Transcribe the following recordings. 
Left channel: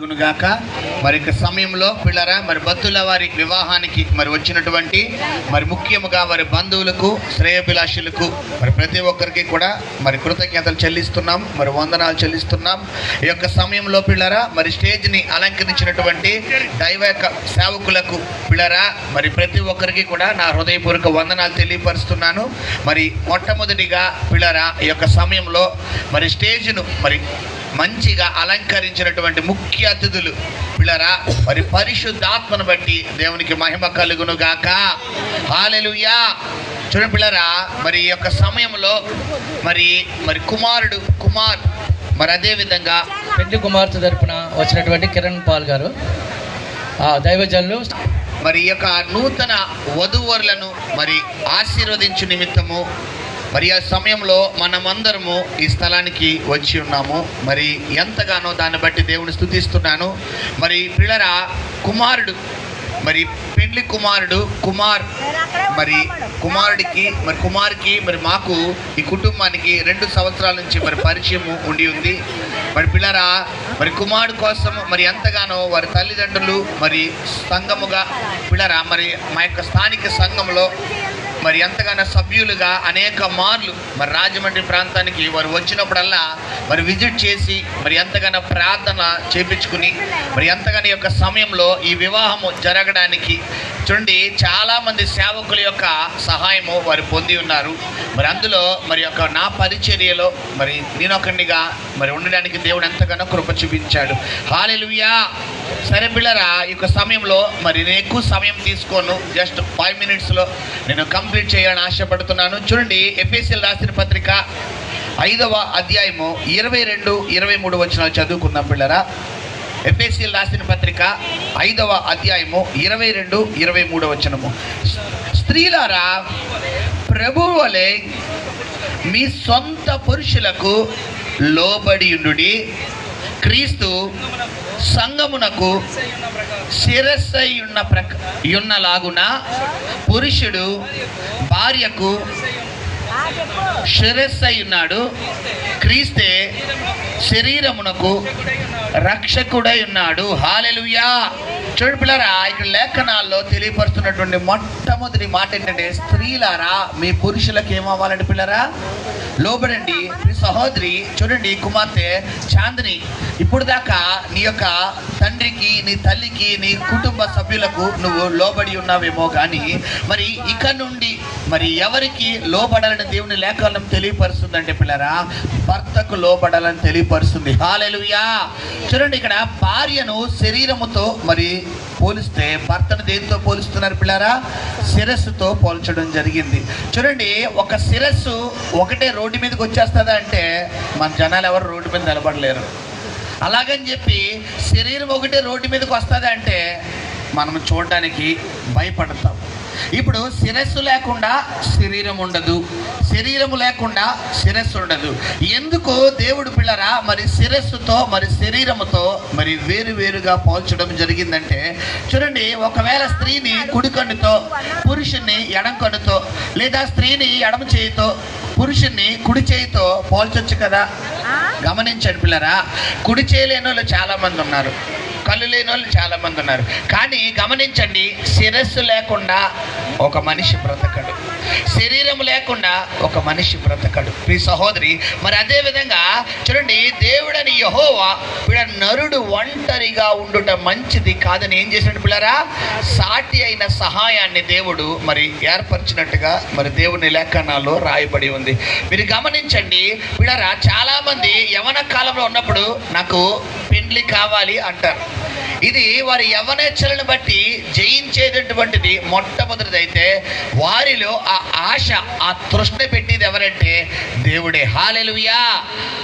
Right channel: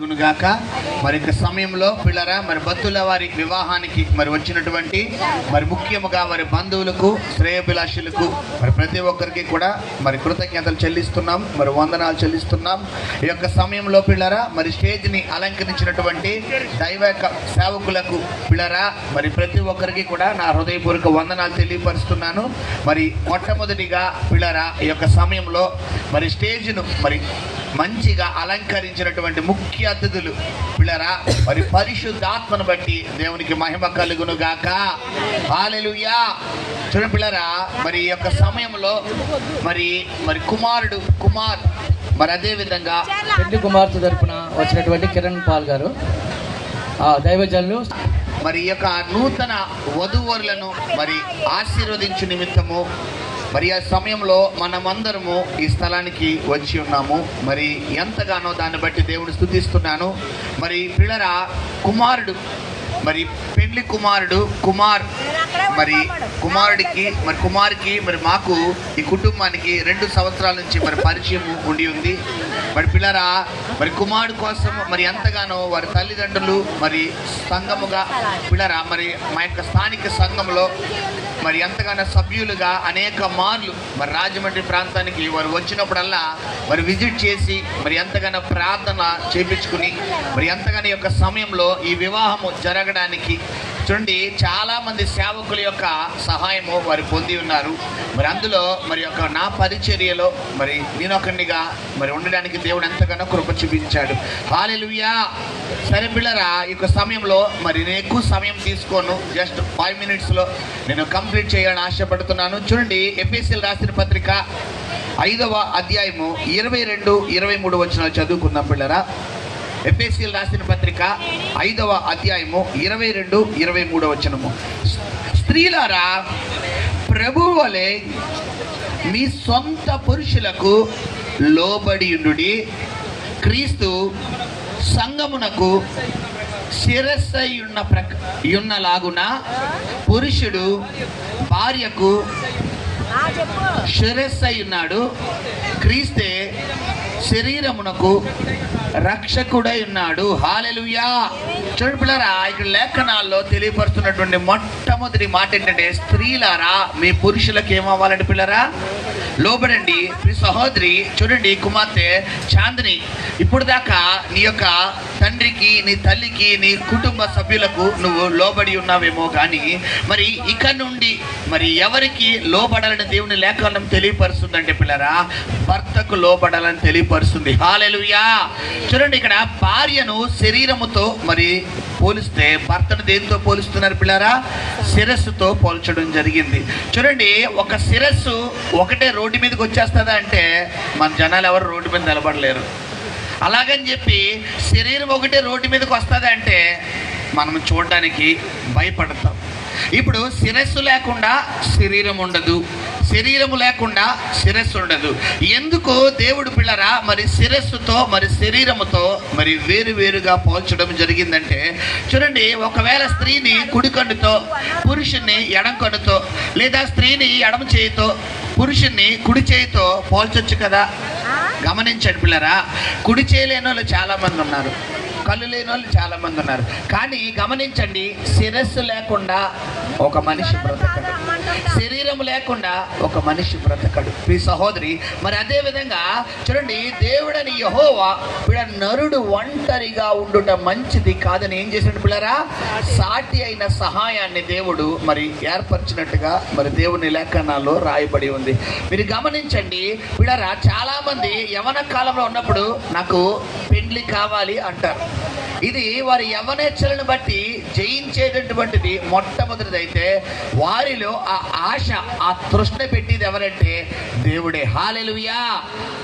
గాక. మరి సమయంలో పిల్లరా మరి భక్తుల వారి వివాహానికి మరి వచ్చినటువంటి మరి ముఖ్యముగా వారి బంధువులకు శ్రేయోభిలాషులకు మరి ప్రతి ఒక్కరికి కూడా మరి కృతజ్ఞతలు చెల్లిస్తున్నాం, మరి వందనాలు చెల్లిస్తున్నాం. ఈ యొక్క సమయంలో పిల్లరా మరి స్టేజ్ని అలంకరించినటువంటి దైవ సేవకులకు పిల్లరా మరి ప్రతి ఒక్కరికి కూడా నా హృదయపూర్వక వందనాలు తెలియపరుస్తున్నాను. మరి మొట్టమొదటిగా పిల్లరా ఈ యొక్క సమయంలో మరి స్టేజ్ను మరి మంచిగా అలంకరించినటువంటి ముఖ్య అతిథులు పిల్లరా మరి పరిశుద్ధాత్మను బట్టి దేవునికి మహిమ కలుగును గాక. హల్లెలూయా. చూడండి పిల్లరా మరి ఈ యొక్క సమయంలో మరి కుమార్ మరి అదే విధంగా పెళ్లి కుమార్తె తరపున వచ్చినటువంటి కిరణ్ పాల్ గారు దైవజనులు మరి ఈ యొక్క నూతన వధూవరులను మరి ఆశీర్వదించు నిమిత్తము మరి ఆ సమయంలో మనమందరము ఈ స్థలానికి వచ్చి ఉన్నాము. మరి ఎంతగానో దాన్ని బట్టి దేవుని స్తుతిస్తున్నాను. మరి పిల్లరా మరి పెళ్లి కుమార్ మరి కుమార్కి మరి మాకు ఈ కుటుంబానికి 2 సంవత్సరాల నుంచి మరి పరిచయం ఉండి ఉంది. మరి పిల్లరా మరి కుమారుడు కోసం మరి ఎంతగానో వారి తల్లిదండ్రులు మరి సంఘముగా పిల్లరా మరి మా యొక్క స్థానిక సంఘంలో మరి ఎంతగానో సభ్యులుగా అనేక మార్లు మరి రాజమండ్రి ప్రాంతానికి వారు వచ్చినప్పుడల్లా మరి విజిట్ చేసి మరి ఎంతగానో ప్రార్థన చేపించుకుని మరి ఎంతగానో యొక్క సమయంలో ఈ వివాహము జరగడానికి చూడండి చాలామంది సేవకుల యొక్క సహాయము వారు పొంది ఉన్నారు. మరి అందులో మరి యొక్క నా పరిచర్యలో మరి నేనొకడిగా మరి ఉండడానికి దేవుడు ఎంతగానో కృప చూపించాడు. హల్లెలూయా. సరే పిల్లరా ఈ యొక్క సమయంలో మరి నేను ఎక్కువ సమయం తీసుకోను, జస్ట్ 5 minutesలో నేను కంప్లీట్ చేయాలని ఆశపడుతున్నాను. చూడండి ఎఫెసీయులకు రాసిన పత్రిక 5వ అధ్యాయము 22-23 వచనాలు చదువుకుందాం పిల్లరా. ఎఫెసీయులకు రాసిన పత్రిక 5వ అధ్యాయము 22-23 వచనము. స్త్రీలారా ప్రభువు వలె మీ సొంత పురుషులకు లోబడి ఉండుడి. క్రీస్తు సంఘమునకు శిరస్సై ఉన్నలాగున పురుషుడు భార్యకు శిరస్సై ఉన్నాడు. క్రీస్తే శరీరమునకు రక్షకుడై ఉన్నాడు. హల్లెలూయా. చూడండి పిల్లరా ఇక్కడ లేఖనాల్లో తెలియపరుస్తున్నటువంటి మొట్టమొదటి మాట ఏంటంటే స్త్రీలారా మీ పురుషులకు ఏమవ్వాలంటే పిల్లరా లోబడండి. మీ సహోదరి చూడండి కుమార్తె చాందిని ఇప్పుడు దాకా నీ యొక్క తండ్రికి నీ తల్లికి నీ కుటుంబ సభ్యులకు నువ్వు లోబడి ఉన్నావేమో కానీ మరి ఇక నుండి మరి ఎవరికి లోబడాలని దేవుని లేఖనం తెలియపరుస్తుందంటే పిల్లరా భర్తకు లోబడాలని తెలియపరుస్తుంది. హల్లెలూయా. చూడండి ఇక్కడ భార్యను శరీరముతో మరి పోలిస్తే భర్తను దేనితో పోలుస్తున్నారు పిల్లరా శిరస్సుతో పోల్చడం జరిగింది. చూడండి ఒక శిరస్సు ఒకటే రోడ్డు మీదకి వచ్చేస్తుందా అంటే మన జనాలు ఎవరు రోడ్డు మీద నిలబడలేరు. అలాగని చెప్పి శరీరం ఒకటే రోడ్డు మీదకి వస్తుంది అంటే మనం చూడడానికి భయపడతాం. ఇప్పుడు శిరస్సు లేకుండా శరీరం ఉండదు, శరీరము లేకుండా శిరస్సు ఉండదు. ఎందుకు దేవుడు పిల్లరా మరి శిరస్సుతో మరి శరీరముతో మరి వేరుగా పోల్చడం జరిగిందంటే చూడండి ఒకవేళ స్త్రీని కుడి కన్నుతో పురుషుణ్ణి ఎడం కన్నుతో లేదా స్త్రీని ఎడమ చేయితో పురుషుణ్ణి కుడి చేయితో పోల్చొచ్చు కదా. గమనించండి పిల్లరా కుడి చేయలేని వాళ్ళు చాలామంది ఉన్నారు, కళ్ళు లేని వాళ్ళు చాలామంది ఉన్నారు. కానీ గమనించండి శిరస్సు లేకుండా ఒక మనిషి బ్రతకడు, శరీరం లేకుండా ఒక మనిషి బ్రతకడు. ఈ సహోదరి మరి అదే విధంగా చూడండి దేవుడని యెహోవా నరుడు ఒంటరిగా ఉండుట మంచిది కాదని ఏం చేసినట్టు పిల్లరా సాటి అయిన సహాయాన్ని దేవుడు మరి ఏర్పరిచినట్టుగా మరి దేవుని లేఖనాల్లో రాయబడి ఉంది. మీరు గమనించండి పిల్లరా చాలా మంది యవన కాలంలో ఉన్నప్పుడు నాకు పెండ్లి కావాలి అంటారు. ఇది వారి యవనేచ్ఛలను బట్టి జయించేటటువంటిది మొట్టమొదటిది. అయితే వారిలో ఆ ఆశ ఆ తృష్ణ పెట్టేది ఎవరంటే దేవుడే. హల్లెలూయా.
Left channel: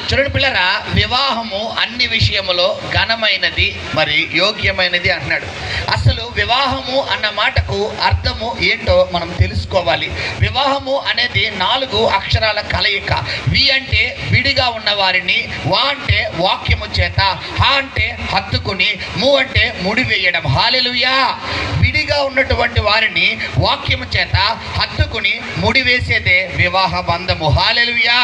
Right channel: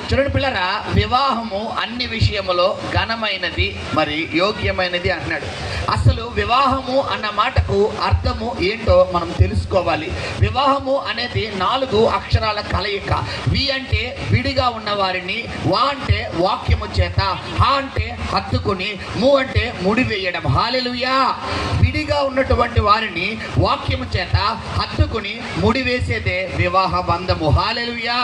చూడండి పిల్లరా వివాహము అన్ని విషయములో ఘనమైనది మరి యోగ్యమైనది అంటున్నాడు. అసలు వివాహము అన్న మాటకు అర్థము ఏంటో మనం తెలుసుకోవాలి. వివాహము అనేది 4 అక్షరాల కలయిక. వి అంటే విడిగా ఉన్న వారిని, వా అంటే వాక్యము చేత, హ అంటే హత్తుకుని, ము అంటే ముడివేయడం. హల్లెలూయా. విడిగా ఉన్నటువంటి వారిని వాక్యము చేత హత్తుకుని ముడివేసేదే వివాహ బంధము. హల్లెలూయా.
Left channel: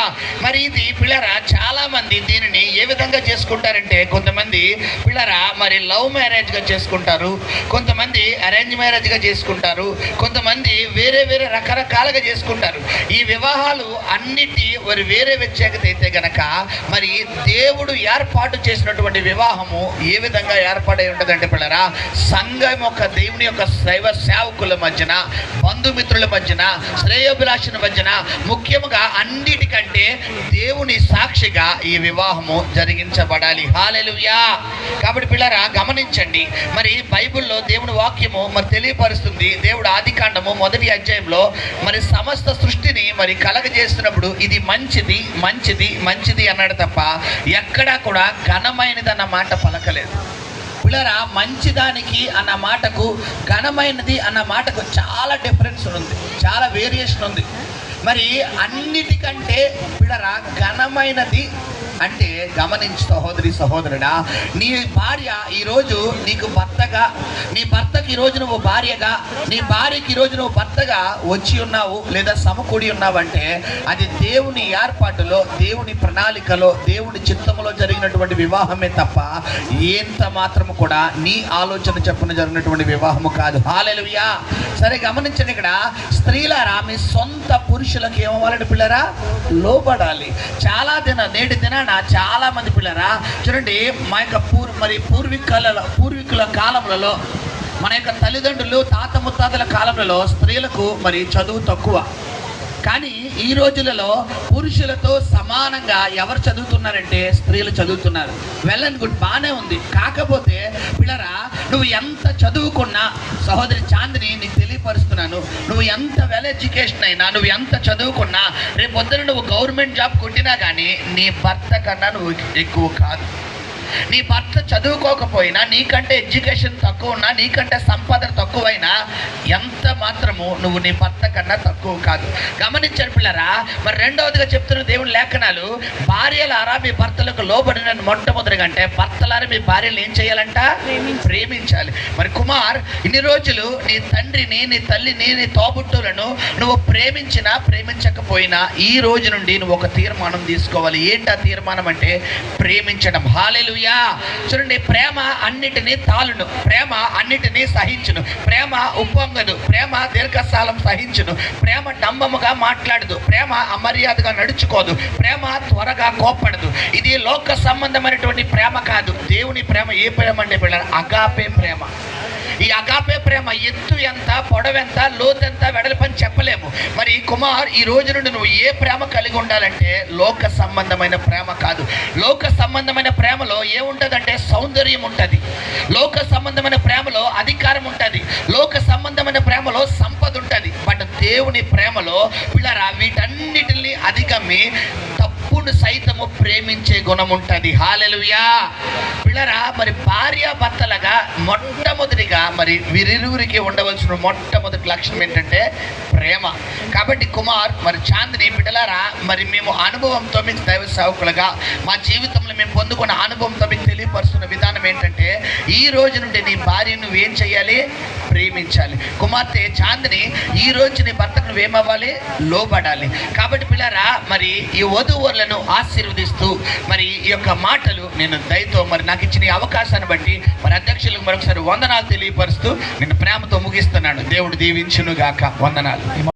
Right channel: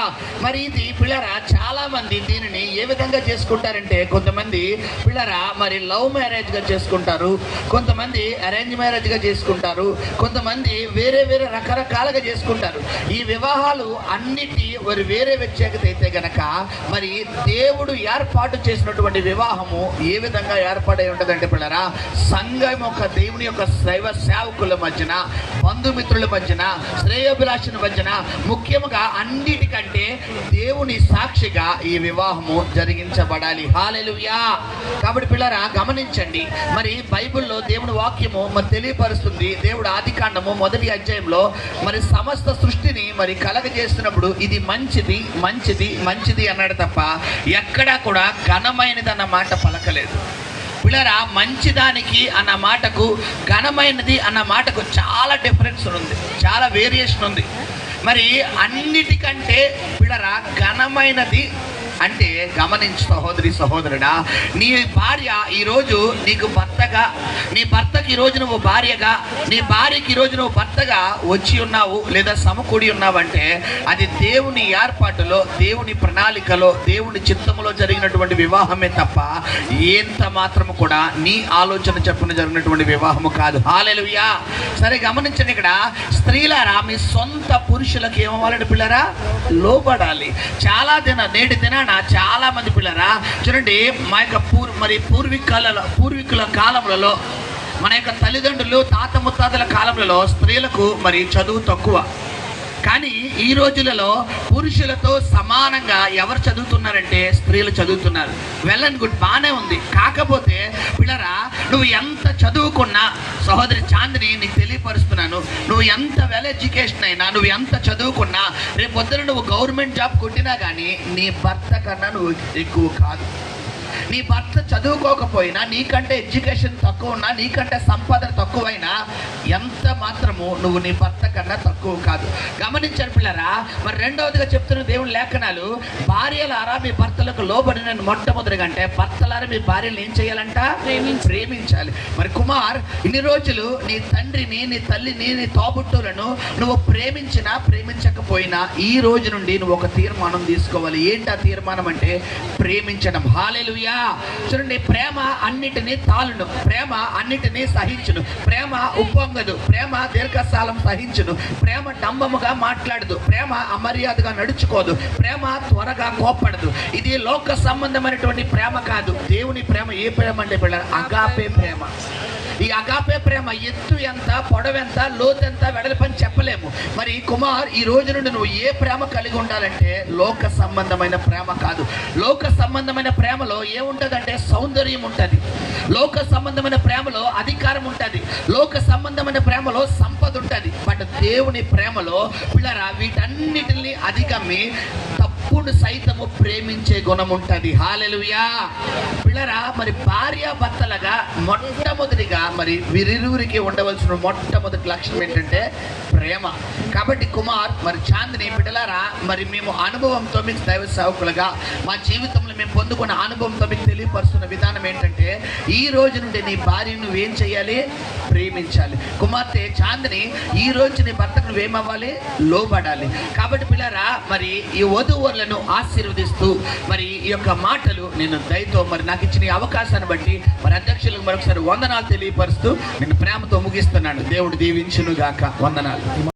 మరి ఇది పిల్లరా చాలా మంది దీనిని ఏ విధంగా చేసుకుంటారంటే, కొంతమంది పిల్లరా మరి లవ్ మ్యారేజ్ గా చేసుకుంటారు, కొంతమంది అరేంజ్ మ్యారేజ్ గా చేసుకుంటారు, కొంతమంది వేరే వేరే రకరకాలుగా చేసుకుంటారు. ఈ వివాహాలు అన్నిటి వేరే వ్యత్యాకత అయితే గనక మరి దేవుడు ఏర్పాటు చేసినటువంటి వివాహము ఏ విధంగా ఏర్పాటై ఉంటుందంటే పిల్లరా, సంఘం యొక్క దేవుని యొక్క దైవ సేవకుల మధ్యన, బంధుమిత్రుల మధ్యన, శ్రేయోభిలాషుల మధ్యన, ముఖ్యంగా అన్నిటికంటే దేవుని సాక్షిగా ఈ వివాహము జరిగించబడాలి. హల్లెలూయా. కాబట్టి పిల్లరా గమనించండి, మరి బైబిల్లో దేవుని వాక్యము మరి తెలియపరుస్తుంది. దేవుడు ఆదికాండము 1వ అధ్యాయంలో మరి సమస్త సృష్టిని మరి కలగజేస్తున్నప్పుడు ఇది మంచిది మంచిది మంచిది అన్నాడు తప్ప ఎక్కడా కూడా ఘనమైనది అన్న మాట పలకలేదు. పిల్లరా మంచిదానికి అన్న మాటకు, ఘనమైనది అన్న మాటకు చాలా డిఫరెన్స్ ఉంది, చాలా వేరియేషన్ ఉంది. మరి అన్నిటికంటే పిల్లరా ఘనమైనది అంటే గమనించు సహోదరి సహోదరుడా, నీ భార్య ఈరోజు నీకు భర్తగా, నీ భర్తకి ఈరోజు నువ్వు భార్యగా, నీ భార్యకి ఈరోజు నువ్వు భర్తగా వచ్చి ఉన్నావు లేదా సమకూడి ఉన్నావంటే అది దేవుని ఏర్పాటులో, దేవుని ప్రణాళికలో, దేవుని చిత్తములో జరిగినటువంటి వివాహమే తప్ప ఎంత మాత్రము కూడా నీ ఆలోచన చెప్పున జరిగినటువంటి వివాహము కాదు. హల్లెలూయా. సరే గమనించండి, ఇక్కడ స్త్రీలారా మీ సొంత పురుషులకు ఏమవ్వాలంటే పిల్లరా లోబడాలి. చాలా నేటి దినాన చాలా మంది పిల్లరా చూడండి, మా యొక్క పూర్వీకుల కాలంలో, మన యొక్క తల్లిదండ్రులు తాత ముత్తాతల కాలంలో స్త్రీలకు మరి చదువు తక్కువ. కానీ ఈ రోజులలో పురుషులతో సమానంగా ఎవరు చదువుతున్నారంటే స్త్రీలు చదువుతున్నారు. వెల్ అండ్ గుడ్, బాగానే ఉంది. కాకపోతే పిల్లరా నువ్వు ఎంత చదువుకున్నా, సహోదరి చాందిని నీకు తెలియపరుస్తున్నాను, నువ్వు ఎంత వెల్ ఎడ్యుకేషన్ అయినా, నువ్వు ఎంత చదువుకున్నా, రేపు పొద్దున నువ్వు గవర్నమెంట్ జాబ్ కొట్టినా కానీ నీ భర్త కన్నా నువ్వు ఎక్కువ కాదు. నీ భర్త చదువుకోకపోయినా, నీకంటే ఎడ్యుకేషన్ తక్కువ ఉన్నా, నీకంటే సంపాదన తక్కువైనా ఎంత మాత్రము నువ్వు నీ భర్త కన్నా తక్కువ కాదు. గమనించారు పిల్లరా. మరి రెండవదిగా చెప్తున్న దేవుని లేఖనాలు, భార్యలారా మీ భర్తలకు లోబడిన మొట్టమొదటిగా అంటే భర్తలారా మీ భార్యలు ఏం చేయాలంట? ప్రేమించాలి. మరి కుమార్ ఇన్ని రోజులు నీ తండ్రిని, నీ తల్లిని, నీ తోబుట్టులను నువ్వు ప్రేమించినా ప్రేమించకపోయినా ఈ రోజు నుండి నువ్వు ఒక తీర్మానం తీసుకోవాలి. ఏంటి ఆ తీర్మానం అంటే ప్రేమించడం. హల్లెలూయా. చూడండి, ప్రేమ అన్నిటినీ తాళును, ప్రేమ అన్నిటినీ సహించును, ప్రేమ ఉప్పొంగదు, ప్రేమ దీర్ఘకాలం సహించును, ప్రేమ డంబముగా మాట్లాడదు, ప్రేమ అమర్యాదగా నడుచుకోదు, ప్రేమ త్వరగా కోప్పడదు. ఇది లోక సంబంధమైనటువంటి ప్రేమ కాదు. దేవుని ప్రేమ ఏ ప్రేమ అంటే పిల్లలు? అగాపే ప్రేమ. ఈ అగాపే ప్రేమ ఎత్తు ఎంత, పొడవెంత, లోతెంత, వెడల్పని చెప్పలేము. మరి కుమార్ ఈ రోజు నుండి నువ్వు ఏ ప్రేమ కలిగి ఉండాలంటే లోక సంబంధమైన ప్రేమ కాదు. లోక సంబంధమైన ప్రేమలో ఏముంటుందంటే సౌందర్యం ఉంటుంది, లోక సంబంధమైన ప్రేమలో అధికారం ఉంటుంది, లోక సంబంధమైన ప్రేమలో సంపద ఉంటుంది. బట్ దేవుని ప్రేమలో పిల్లరా వీటన్నిటిని అధిగమి తప్పును సైతము ప్రేమించే గుణం ఉంటుంది. హల్లెలూయా. పిల్లరా మరి భార్య భర్తలుగా మొట్టమొదటిగా మరి వీరిరువురికి ఉండవలసిన మొట్టమొదటి లక్షణం ఏంటంటే ప్రేమ. కాబట్టి కుమార్ మరి చాందిని బిడ్డలారా, మరి మేము అనుభవంతో మీకు దైవ సేవకులుగా మా జీవితంలో మేము పొందుకున్న అనుభవంతో మీకు తెలియపరుస్తున్న విధానం ఏంటంటే ఈ రోజు నుండి నీ భార్యను నువ్వేం చేయాలి? ప్రేమించాలి. కుమార్తె చాందిని ఈ రోజు నీ భర్తకు నువ్వేమవ్వాలి? లోబడాలి. కాబట్టి పిల్లరా మరి ఈ వధూవరులను ఆశీర్వదిస్తూ మరి ఈ యొక్క మాటలు నేను దయతో మరి నాకు ఇచ్చిన ఈ అవకాశాన్ని బట్టి మరి అధ్యక్షులకు మరొకసారి వందనాలు తెలియపరుస్తూ నేను ప్రేమతో ముగిస్తున్నాను. దేవుడు దీవించును గాక. వందనాలు.